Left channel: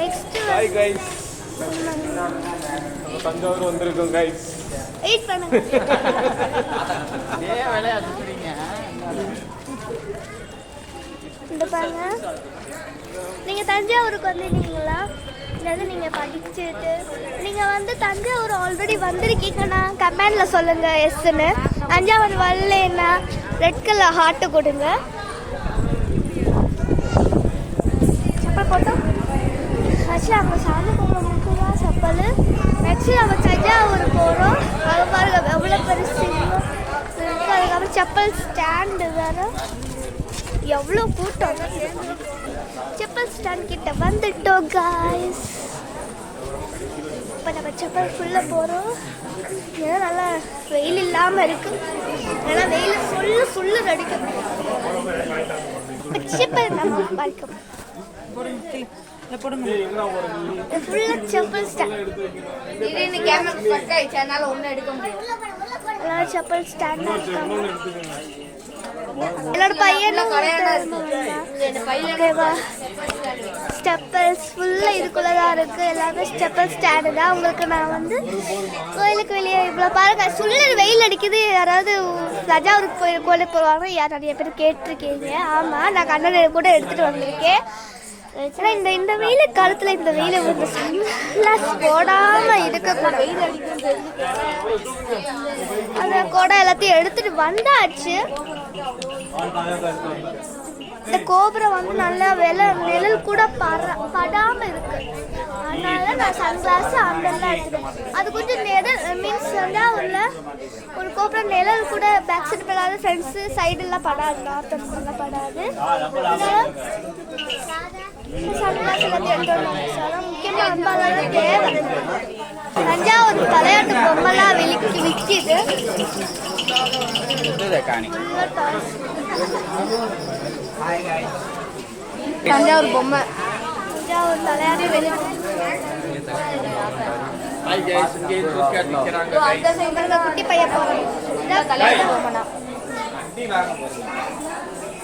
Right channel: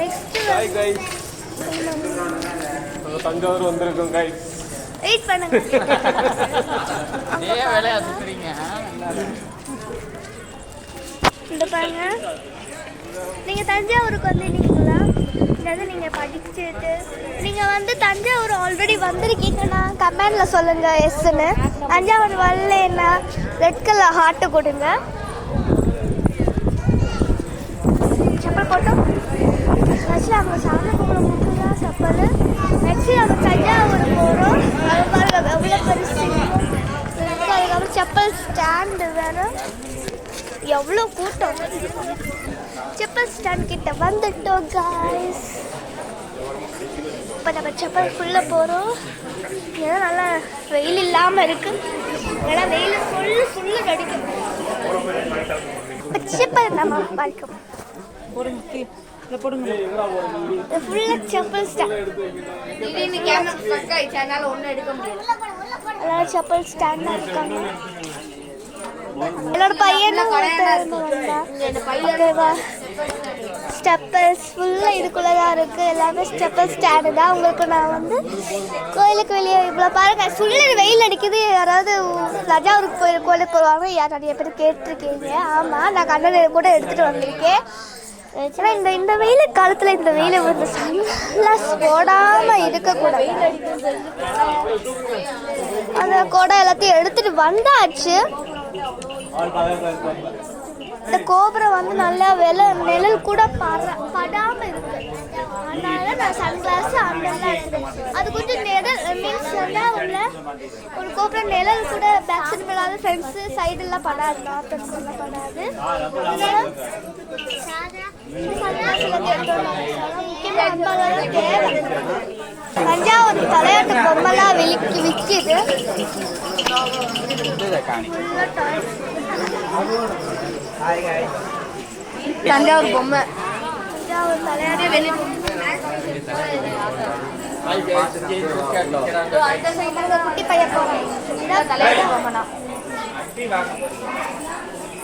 Next Thanjavur வந்திருக்கோம் guys. Wait பண்ணுங்க. இந்த பாருங்க, நீங்கள் தஞ்சாவூருக்கு வந்திருந்தீங்களா? இதாவது நீங்கள் படிச்சுட்டு நீங்கள் வந்து தஞ்சாவூர் ஆல்ரெடி வந்திருக்கீங்கன்னா கமெண்டில் சொல்லுங்கள் எஸ்ன்னு. தஞ்சாவூர் வரலன்னா ரெட் கலர் ஹார்ட்டு கொடுங்க. செப்பல் போட்டோம். ஆக்சுவலி அவங்க சாமி கும்பிட மட்டும் தான் செப்பல். நெக்ஸ்ட்டு நம்ம தஞ்சாவூர் போகிறோம். அது பாருங்க எவ்வளோ பெருசு. அதுக்கப்புறம் செப்பல் ஸ்டாண்டு வேறு. எவ்வளோ கூட்டம். செப்பல் ஸ்டாண்ட் கிட்ட வந்துட்டோம் காய்ஸ். இப்போ நம்ம செப்பல் ஃபுல்லாக போகிறோம். ஏதோ நல்லா வெயில் இல்லாமல் இருக்குது. ஏன்னா வெயில் ஃபுல்லு நடிக்கும். செப்பல் நம்ம பார்க்கணும். ஃபுல்லாக செப்பல் ஸ்டாண்ட். எல்லாரும் செப்பல் ஸ்டாண்டாக இருக்காங்க. என்னோட பையனும் ஓகேவா. ஸ்டெப்பல்ஸ் ஃபுல்லாக இதுக்குள்ளதான் இருக்குது. எல்லாமே ஸ்டெப்பல் ஸ்டாண்டு தான். உங்களுக்கு நான் வந்து கோயிலுக்கு வெளியே இவ்வளோ பாருங்க சுள்ளு வெயில் அடிக்குது. யாராவது தஞ்சாவூருக்கு கோயிலுக்கு போவாங்க. யார் நிறைய பேர் கேட்டிருக்கீங்க. ஆமாம், நான் கண்ணன் கூட எடுத்துகிட்டு வந்திருக்கேன். ஏன்னா இந்த வெயில் காலத்தில் இந்த வெயில் இந்த சன்கிளாஸ் போடாமல் இருக்கக்கூடாது. அந்த கோடை எல்லாத்தையும் எடுத்துட்டு வந்தாச்சு. இந்த கோபுரம் வந்து நல்லா நிழல் கூட படாமல் இருக்கு. அதனால நான் சன்கிளாஸ் அந்தெல்லாம் எடுத்துட்டேன். அது கொஞ்சம் நிழல் மீன்ஸ் தான் உள்ள ஒரு கோபுரம் நிழல் கூட பேக் சைடு படாது, ஃப்ரண்ட்ஸு சைடெல்லாம் படாது, நார்த் எல்லாம் படாது. அதனால சன்கிளாஸ் எல்லாத்தையும் எடுத்து முக்கியமாக அன்பாலாம் தேவை. தஞ்சாவூர் விளையாட்டு பொம்மைலாம் விற்கிது. தஞ்சாவூர் பொம்மை, தஞ்சாவூர் விளையாட்டு குட்டி பையன் போறான். பொம்மைனா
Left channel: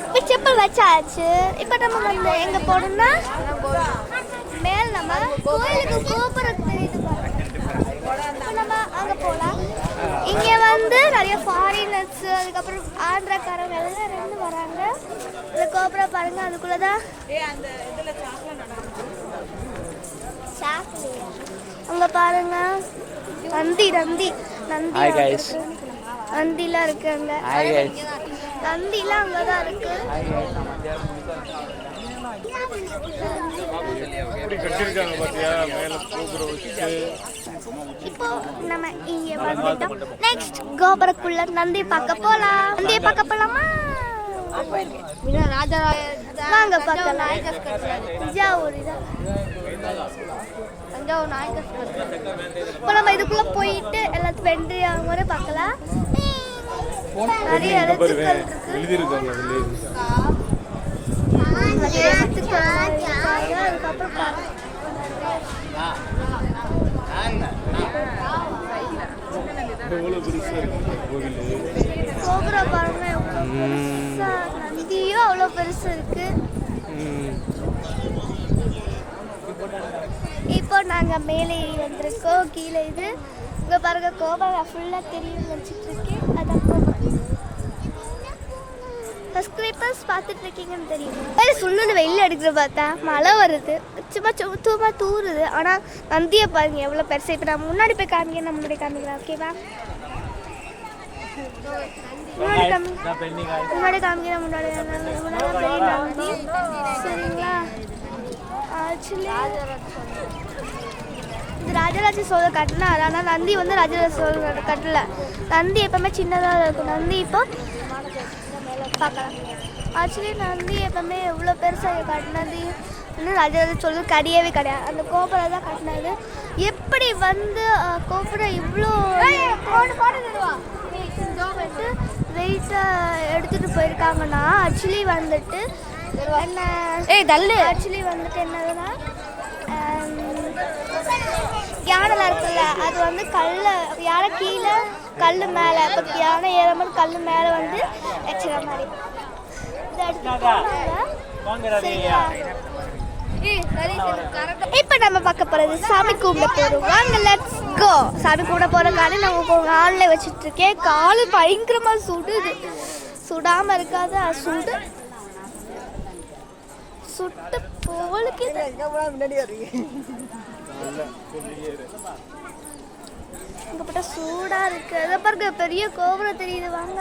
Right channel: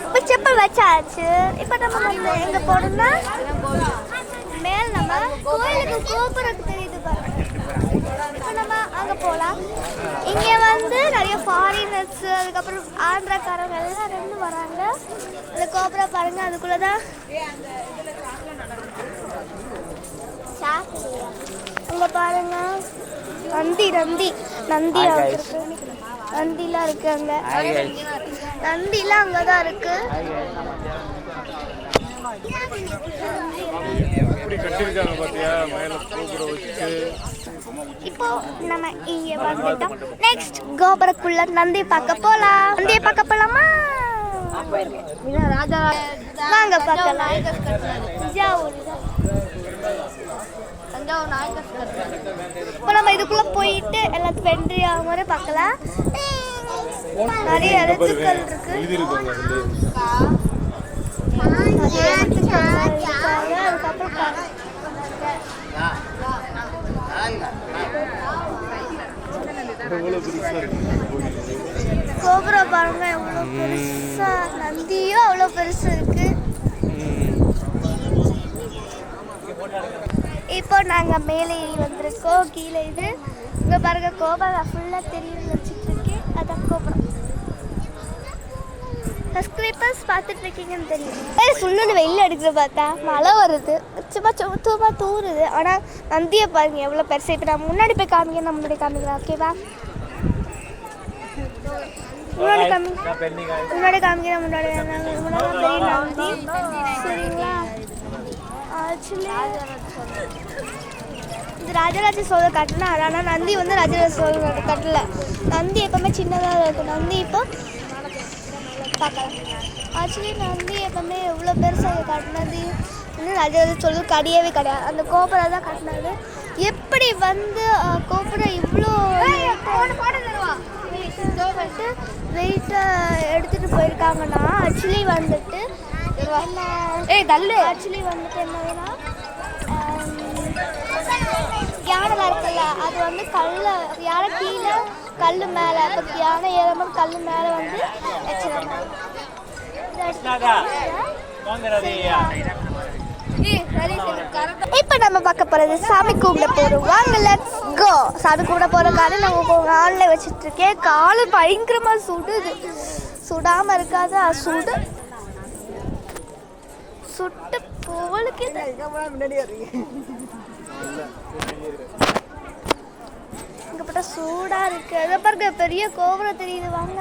இப்போ செப்பல் வச்சாச்சு. இப்போ நம்ம எங்க போடணும்? மேல் நம்ம கோயிலுக்கு கோபுரம் தெரியுது பாருங்க. இப்போ நம்ம அங்கே போகலாம். இங்கே வந்து நிறைய ஃபாரினர்ஸ், அதுக்கப்புறம் ஆந்திராக்காரங்க எல்லாம் வராங்க. அந்த கோபுரம் பாருங்க. அதுக்குள்ளதான் அங்க பாருங்க நந்திலாம் இருக்கு. அங்க நந்திலாம் அங்கதான் இருக்கு. இப்போ நம்ம இங்க வந்துட்டோம். நெக்ஸ்ட் கோபுரக்குள்ள நந்தி பார்க்க போலாம். நந்தியை பார்க்க போலாமா? வாங்க பார்க்கலாம். இப்போ நம்ம இதுக்குள்ள போயிட்டு எல்லாத்துக்கும் வென்றி ஆகும்போது பார்க்கலாம். நிறைய எழுத்துக்கள் இருக்கு. நிறைய எழுத்துக்கள் இருக்காங்க. அதுக்கப்புறம் கோபுரம் பாருங்க எவ்வளோ பெருசா. நந்தியும் அவ்வளோ பெருசு இருக்கு. இப்போ நாங்கள் மேலே ஏறி வந்திருக்கோம். கீழே இது இங்கே பாருங்க கோபுரம் ஃபுல்லாக தெரியும் வச்சுட்டு இருக்கேன். அதான் கோபுரம். சப்ஸ்கிரைபர்ஸ் பார்த்துட்டு இருக்கீங்கன்னு தெரியும். சுள்ளுன்னு வெயில் அடிக்கிற பார்த்தா மழை வருது. சும்மா தூருது. ஆனால் நந்தியை பாருங்க எவ்வளோ பெருசு. இப்போ நான் முன்னாடி போய் காமிக்க, நான் முன்னாடி காமிக்கிறேன். ஓகேவா? முன்னாடி காமிக்கிறேன். முன்னாடி பெரிய நந்தி. சரிங்களா? ஆக்சுவலி இது ராஜராஜ சோழர் கட்டினா. ஆனால் நந்தி வந்து ராஜராஜ சோழர் கட்டல. நந்தி எப்பவுமே சின்னதாக இருக்கும். நந்தி இப்போ பார்க்கலாம். ஆக்சுவலி நந்தி எப்பவுமே எவ்வளோ பெருசாக கட்டினது இன்னும் ராஜராஜ சோழர் கிடையவே கிடையாது. அந்த கோபுரம் தான் கட்டினது. எப்படி வந்து கோபுரம் இவ்வளோ வெயிட்டாக எடுத்துகிட்டு போயிருக்காங்கன்னா ஆக்சுவலி வந்துட்டு என்னதுன்னா யானைலாம் இருக்குல்ல, அது வந்து யானை கீழே கல் மேலே, இப்போ யானை ஏறும்போது கல் மேலே வந்து வச்சுற மாதிரி இதை எடுத்துட்டு சரிங்களா? இப்போ நம்ம பார்க்க போறது சாமி கும்பிட போறோம். வாங்க லெட்ஸ் கோ. சாமி கும்பிட போற காலை நம்ம காலில் வச்சுட்டு இருக்கேன். காலு பயங்கரமா சுடுது. சுடாம இருக்காது, அது சுட்டு போலுக்கு இங்க போட்டா சூடா இருக்கு. அதை பாருங்க, பெரிய கோபுரம் தெரியுது. வாங்க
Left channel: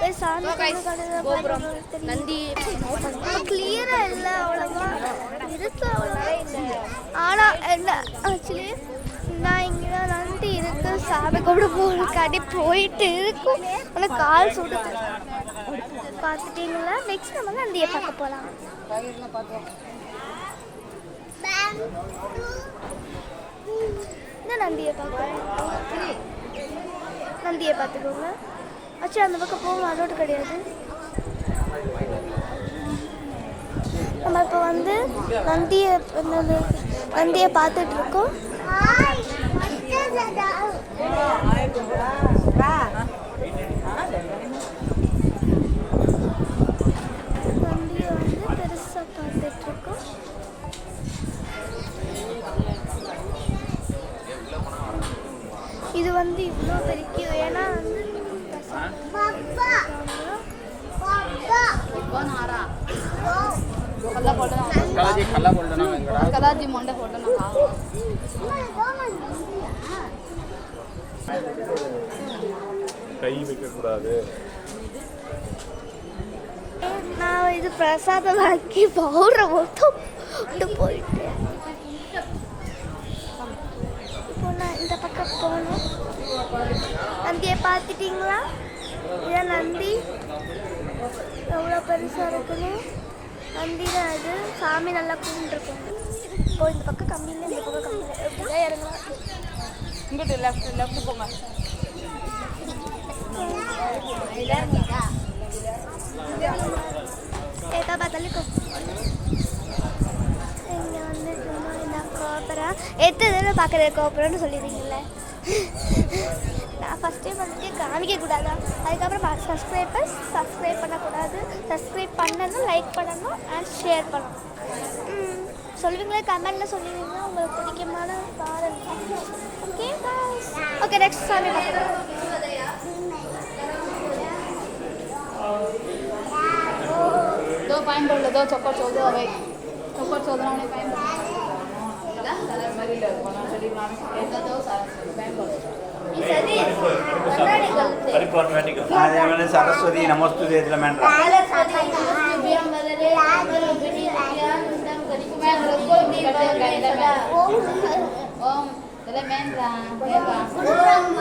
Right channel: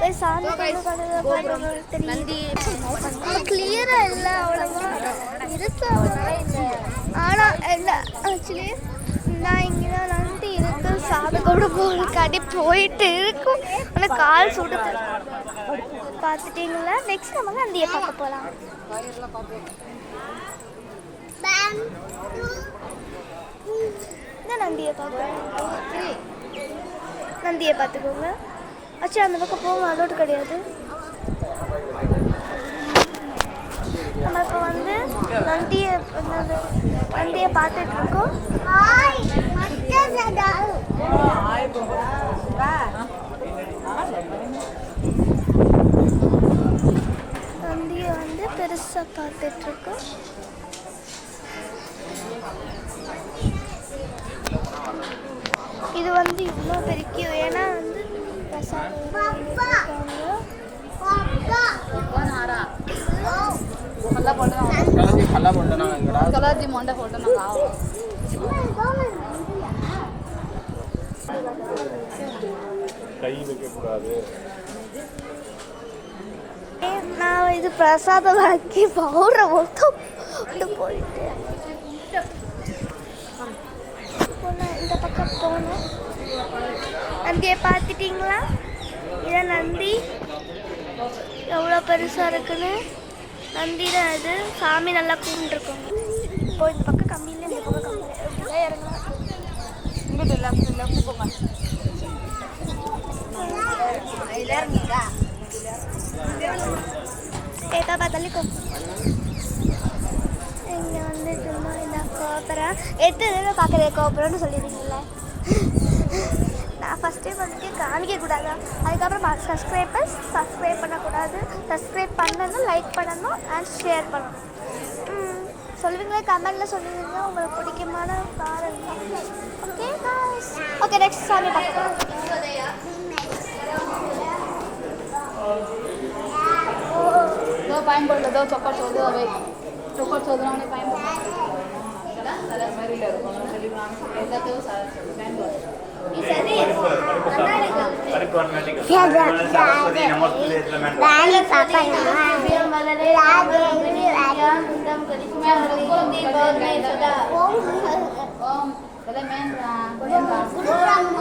போய் சாமி நந்தி கிளியரா இல்லை, அவ்வளவா இருக்கு அவ்வளவா இல்லை. ஆனா என்ன ஆக்சுவலி நான் இங்கதான் நந்தி இருக்கு. சாமி கூட போகாடி போயிட்டு இருக்கும். ஆனா கால் சுடுது. பார்த்துட்டீங்களா? நெக்ஸ்ட் நம்ம நந்தியை பார்க்க போலாம். நந்தியை பார்க்க நந்தியை பார்த்துக்கோங்க. ஆச்சு அந்த பக்கம் போகும், அலோட்டு கிடையாது. நம்ம இப்போ வந்து நந்தியை பார்த்துட்டு இருக்கோம். நந்தியை வந்து பெருசா பார்த்துட்டு இருக்கோம். இது வந்து இவ்வளோ பெருக்கியும், ஏன்னா கை வைக்க கூடாது. நான் இது பிரசாதம் ஆக்கி பவுடரை மட்டும் போயிட்டு இந்த பக்கம் போகணும். நந்தியை பார்த்துட்டீங்களா? இதான் நந்தி, எவ்வளோ பெருசாக இருக்குன்னு. நந்தி தான் அது. சாமி நல்லா கும்பிட்டுருக்கோம். இப்போ இந்த பக்கம் கம்மியில், இந்த பக்கம் கம்மியில் எப்படிதான் இறங்கலாம். இங்கிட்ட லெஃப்ட் போங்க. ஏதா பார்த்தாலும் இங்கே வந்து இந்த கோபுரம் எட்டு பார்க்குற கோபுரம்னு சொல்லிடுவீங்கல்ல. நான் ஃபஸ்ட் டைம் வந்துட்டு காமிக்கக்கூடாதா? அதுக்கப்புறம் சப்ஸ்கிரைப் பண்ணக்கூடாது. சப்ஸ்கிரைப் பண்ணணும், லைக் பண்ணணும் அண்ட் ஷேர் பண்ணணும். சொல்லுவீங்களா? கமெண்டில் சொல்லுவீங்க உங்களுக்கு பிடிக்குமான பாருங்க. ஓகே காய்ஸ், ஓகே நெக்ஸ்ட் சாமி பார்க்கலாம். दो पाइन बोल दो चक्कर छोड़ दो अबे चक्कर छोड़ दो हमने पाइन ला साला मरी ले कोनो चली मामी ऐसा तो सारा पाइन बोल ಈ ಸರಿ ಪರಿಕಾರ್ಮೆಟಿಕ್ ಸಾಮಾನ್ಯ ಸರಸ್ವತಿ ನಮಸ್ತೆ ಇದೆಲ್ಲ ಮಾಡಿ ಕಾಲ ಸಾಕಾಯ್ತು ಬಿಯಂ ಬದಲೇ ಆಮರ ಬಿನಿಯಾ ನಮ್ ಕಲಿಕೆ ಕೋತಿ ಬರೇ ಸದಾ ಓಂ ತಲೆ ಮೇಂದ್ರ ಗುರು ಬ್ರಹ್ಮ